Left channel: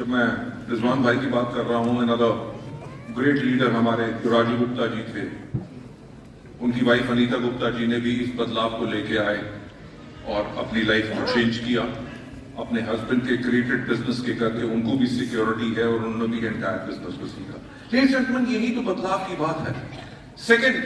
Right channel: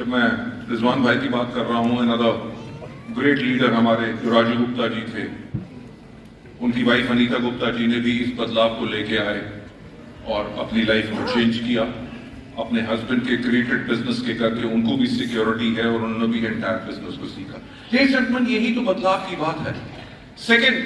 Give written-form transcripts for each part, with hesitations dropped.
जब मैं रिजवान भाई की बात कर रहा हूँ, अनदर ग्रेट लीडर हमारे जो राजू गुप्ता जी थे, उनकी वाइफ अनीता गुप्ता जी ने भी इस बदलाव को लेके आए और अपनी लाइफ को चेंज किया। अपने हस्बैंड के क्रिएटेड बिजनेस के करके उनको भी सिक्योरिटी है और उन्होंने भी एंटायर बिजनेस को सीखा। यही तो बदलाव की बात है। सेकंड,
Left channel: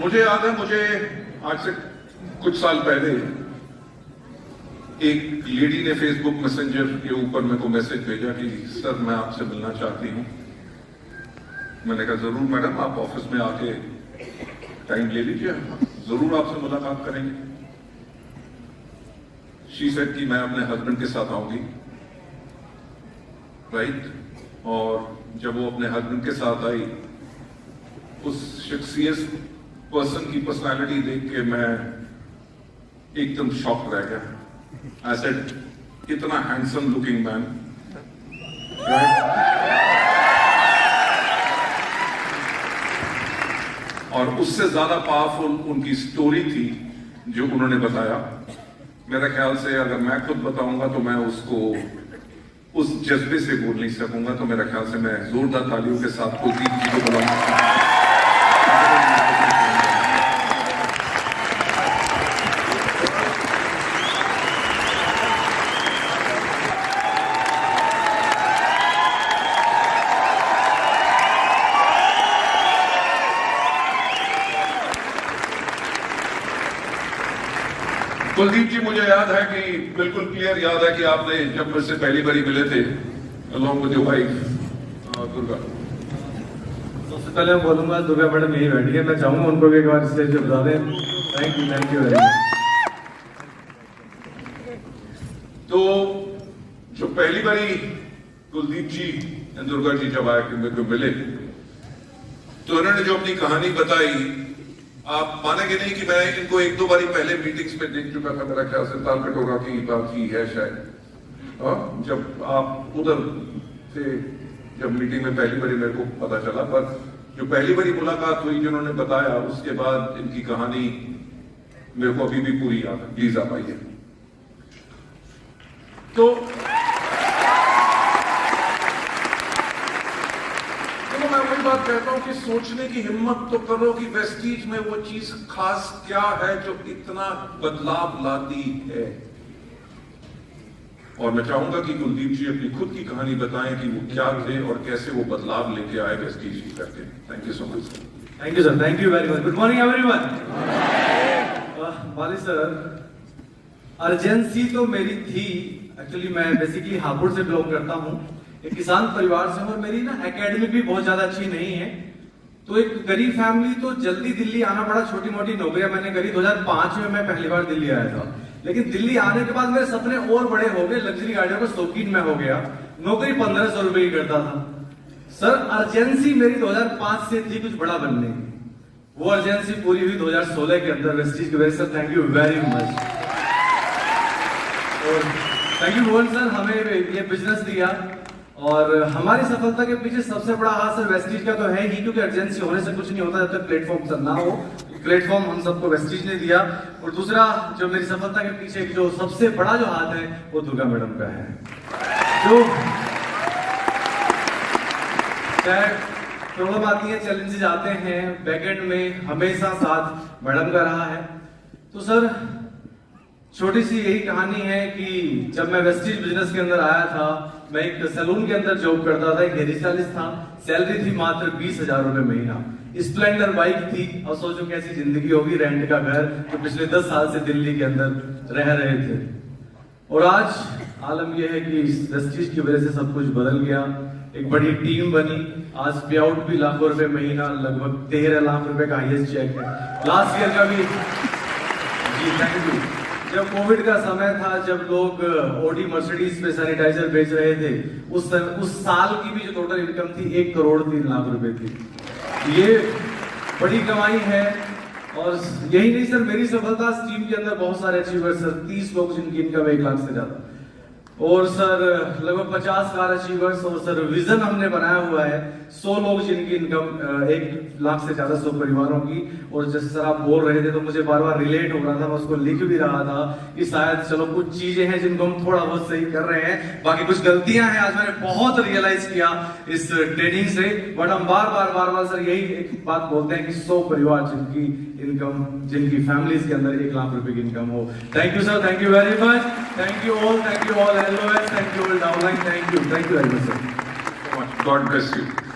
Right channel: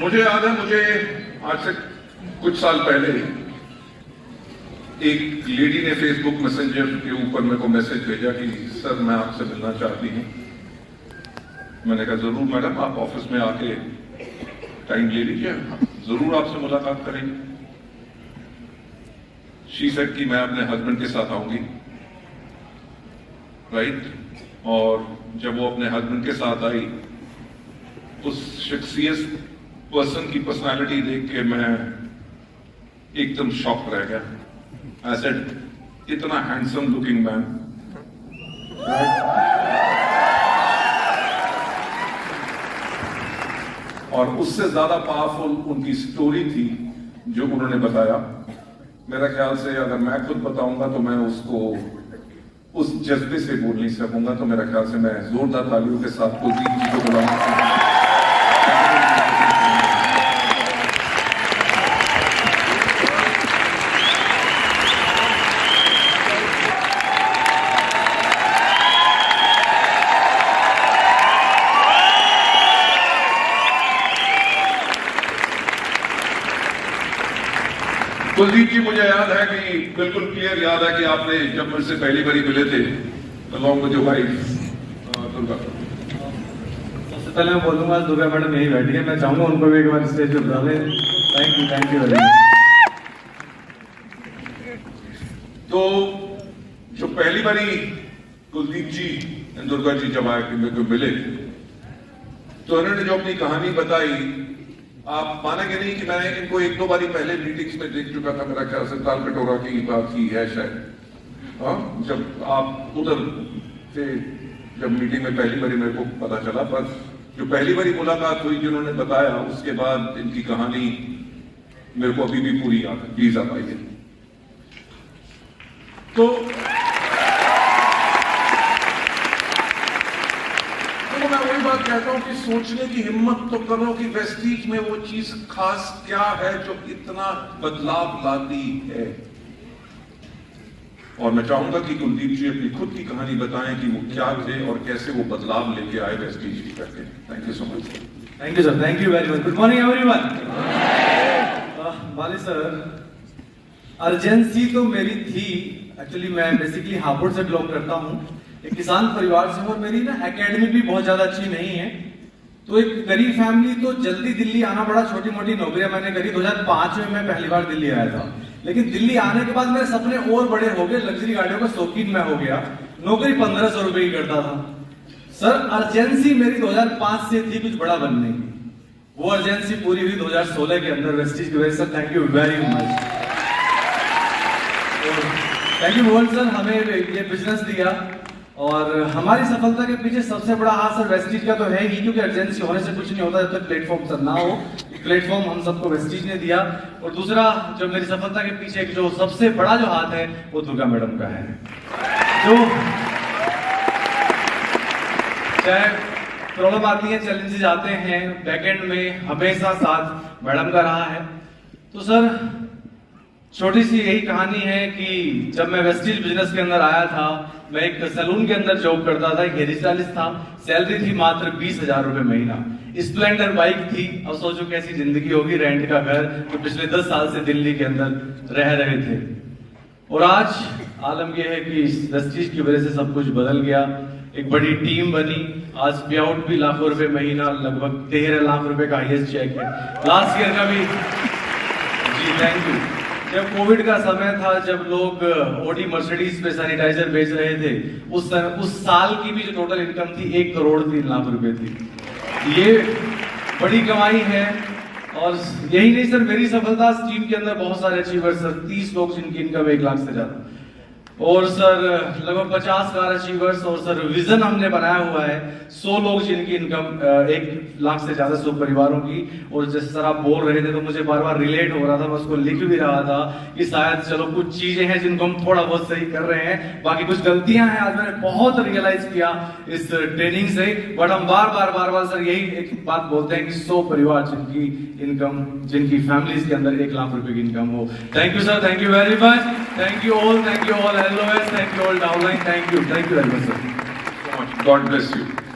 मुझे याद है, मुझे आज से कुछ साल पहले एक लेडी ने फेसबुक मैसेंजर के ऊपर मेरे को मैसेज भेजा कि सर मैं आपसे मिलना चाहती हूँ। मैंने कहा जरूर मैडम, आप ऑफिस में आके टाइम ले लीजिए, जरूर आपसे मुलाकात करेंगे। शी सेड कि मैं अपने हस्बैंड के साथ आऊंगी, राइट। और जब वो अपने हस्बैंड के साथ आई, उस शख्सियत पर्सन की पर्सनालिटी देख के मैं एकदम शॉक रह गया। आई सेड, इतना हैंडसम लुकिंग मैन, राइट। और उससे ज्यादा पावरफुल उनकी स्टोरी थी जो उन्होंने बताया। मेरा ख्याल से अगर मैं खुद बताऊंगा तो मैं उसको उस जज्बे से बोल नहीं सकूंगा। तो मेरा ख्याल से मैं जोरदार तालियों के साथ कुलदीप जी को बुलाऊंगा। कुलदीप जी, मुझे याद है कि बिल्कुल क्लियर याद है कि आपने जब मुझसे पहली बारी मिले थे along with your wife Durga. सबसे पहले मैं बोलूंगा दुर्गा मैडम यही बैठी है, मैं चाहूंगा उनको भी एक बार स्टेज पे बुला लें। Thank you very much. तो जो पहली बारी कुलदीप जी एंड दुर्गा जी जब आए मेरे को मिले, तो उन्होंने जो अपनी कहानी बताई, आप मानेंगे नहीं कि मैं इनको एक दो बारी पहले मीटिंग्स में देख चुका था। मेरा ख्याल से ताल कटोरा की बात की है शायद, जब आप उधर थे, जब मीटिंग में पहली बारी मेरे को पता चला। पर जो पहली बारी मुलाकात हुई, जिन्होंने बताया, उसके बाद इनकी कहानी मेरे को अभी भी पूरी याद है। प्लीज आप आइए। तो मैं वही बात कहता हूं कि सोचने की हिम्मत तो करो कि वेस्टीज में वो चीज खास क्या है जो इतना बदलाव लाती है। और मैं चाहूंगा कि कुलदीप जी अपनी खुद की कहानी बताएं कि वो क्या थे और कैसे वो बदलाव लेके आए वेस्टीज की करके। Thank you so much. Thank you sir, thank you very much. Good morning everyone. वाली सर, अर्जेंसी तो मेरी थी। एक्चुअली मैं बेसिकली हापुड़ से बिलोंग करता हूँ, एक किसान परिवार से हूँ। मेरी ना एकेडमी भी बहुत ज्यादा अच्छी नहीं है, तो एक गरीब फैमिली, तो जल्दी दिल्ली आना पड़ा। छोटी मोटी नौकरियां मैंने करी। 2005 में मैं पहली बार दिल्ली आया था, लेकिन दिल्ली आने के बाद मेरे सपने और बड़े हो गए। लग्जरी गाड़ियों का शौकीन मैं हो गया। नौकरी 1500 रुपए की करता था। सर, अर्जेंसी मेरी 2005 से थी कुछ बड़ा बनने की। वो अर्जेंसी पूरी हुई 2016 के अंदर वेस्टीज की वजह से। Thank you very much. Thank you Mohan sir, हमें ये बिजनेस दिया। और हमारी सफलता के पीछे सबसे बड़ा हाथ सर वेस्टीज का तो है ही, क्योंकि अर्जेंसी होने से कुछ नहीं होता जब तक प्लेटफॉर्म सर ना हो। प्लेटफॉर्म हम सबको वेस्टीज ने दिया। और दूसरा, जो मेरी सफलता के पीछे जो सबसे बड़ा जो हाथ है वो दुर्गा मैडम का है। जो चाहे प्रॉब्लम आती है, चैलेंजेस आते हैं, बैकएंड में हमेशा साथ मैडम का रहा है। तो सर, छोटी सी यही कहानी है कि जब मैं वेस्टीज बिजनेस के अंदर आया था, मैं एक सलून के अंदर जॉब करता था, एक हेयर स्टाइलिस्ट था। सैलरी थी मात्र 20,000 रुपए महीना। स्प्लेंडर बाइक थी। अब सोचो कैसी जिंदगी होगी, रेंट का घर, जो पिछले 10 साल से दिल्ली के अंदर रह रहे थे। और आज आलम यह है कि वेस्टीज की वजह से सब कुछ बदल गया। एक बड़ी टीम बनी। आज पे आउट भी लाखों रुपए महीना, लगभग 13 लाख रुपए का हाईएस्ट चेक है। लास्ट ईयर का भी। जी थैंक यू। जब कोविड का समय था, जब लोग ओडी मर्सिडीज पे सैनिटाइजर बेच रहे थे, उस साल की भी जो टोटल इनकम थी 1 करोड़ 3 लाख रुपए थी। ये बड़ी कमाई है। और यही नहीं सर, मेरी सफलता टीम के अंदर बहुत सारे अचीवर्स सर, 30 लोग जिनकी इनकम 1 लाख से ज्यादा, और सर लगभग 50 कार अचीवर्स, और सर विजन हमने बनाया हुआ है 100 लोग जिनकी इनकम 1 लाख से ज्यादा 100 परिवारों की। और जैसे सर आप बोल रहे थे तो मुझे बार बार रिलेट हो रहा था, मैं उसको लिख भी रहा था कि शायद चलो कुछ चीजें हैं जिनको हम थोड़ा बहुत सही कर रहे हैं, बाकी कुछ गलतियां हैं आज मैंने बहुत रियलाइज किया इस ट्रेनिंग से। बट हम बार बार सर यही एक बात बोलते हैं कि 100 परिवार जिनकी इनकम, जिनकी फैमिलीज के अंदर 1 लाख रुपए की इनकम हो। Thank you sir, thank you very much, thank you all LOS, thank you all downline, thank you very much sir. God bless you.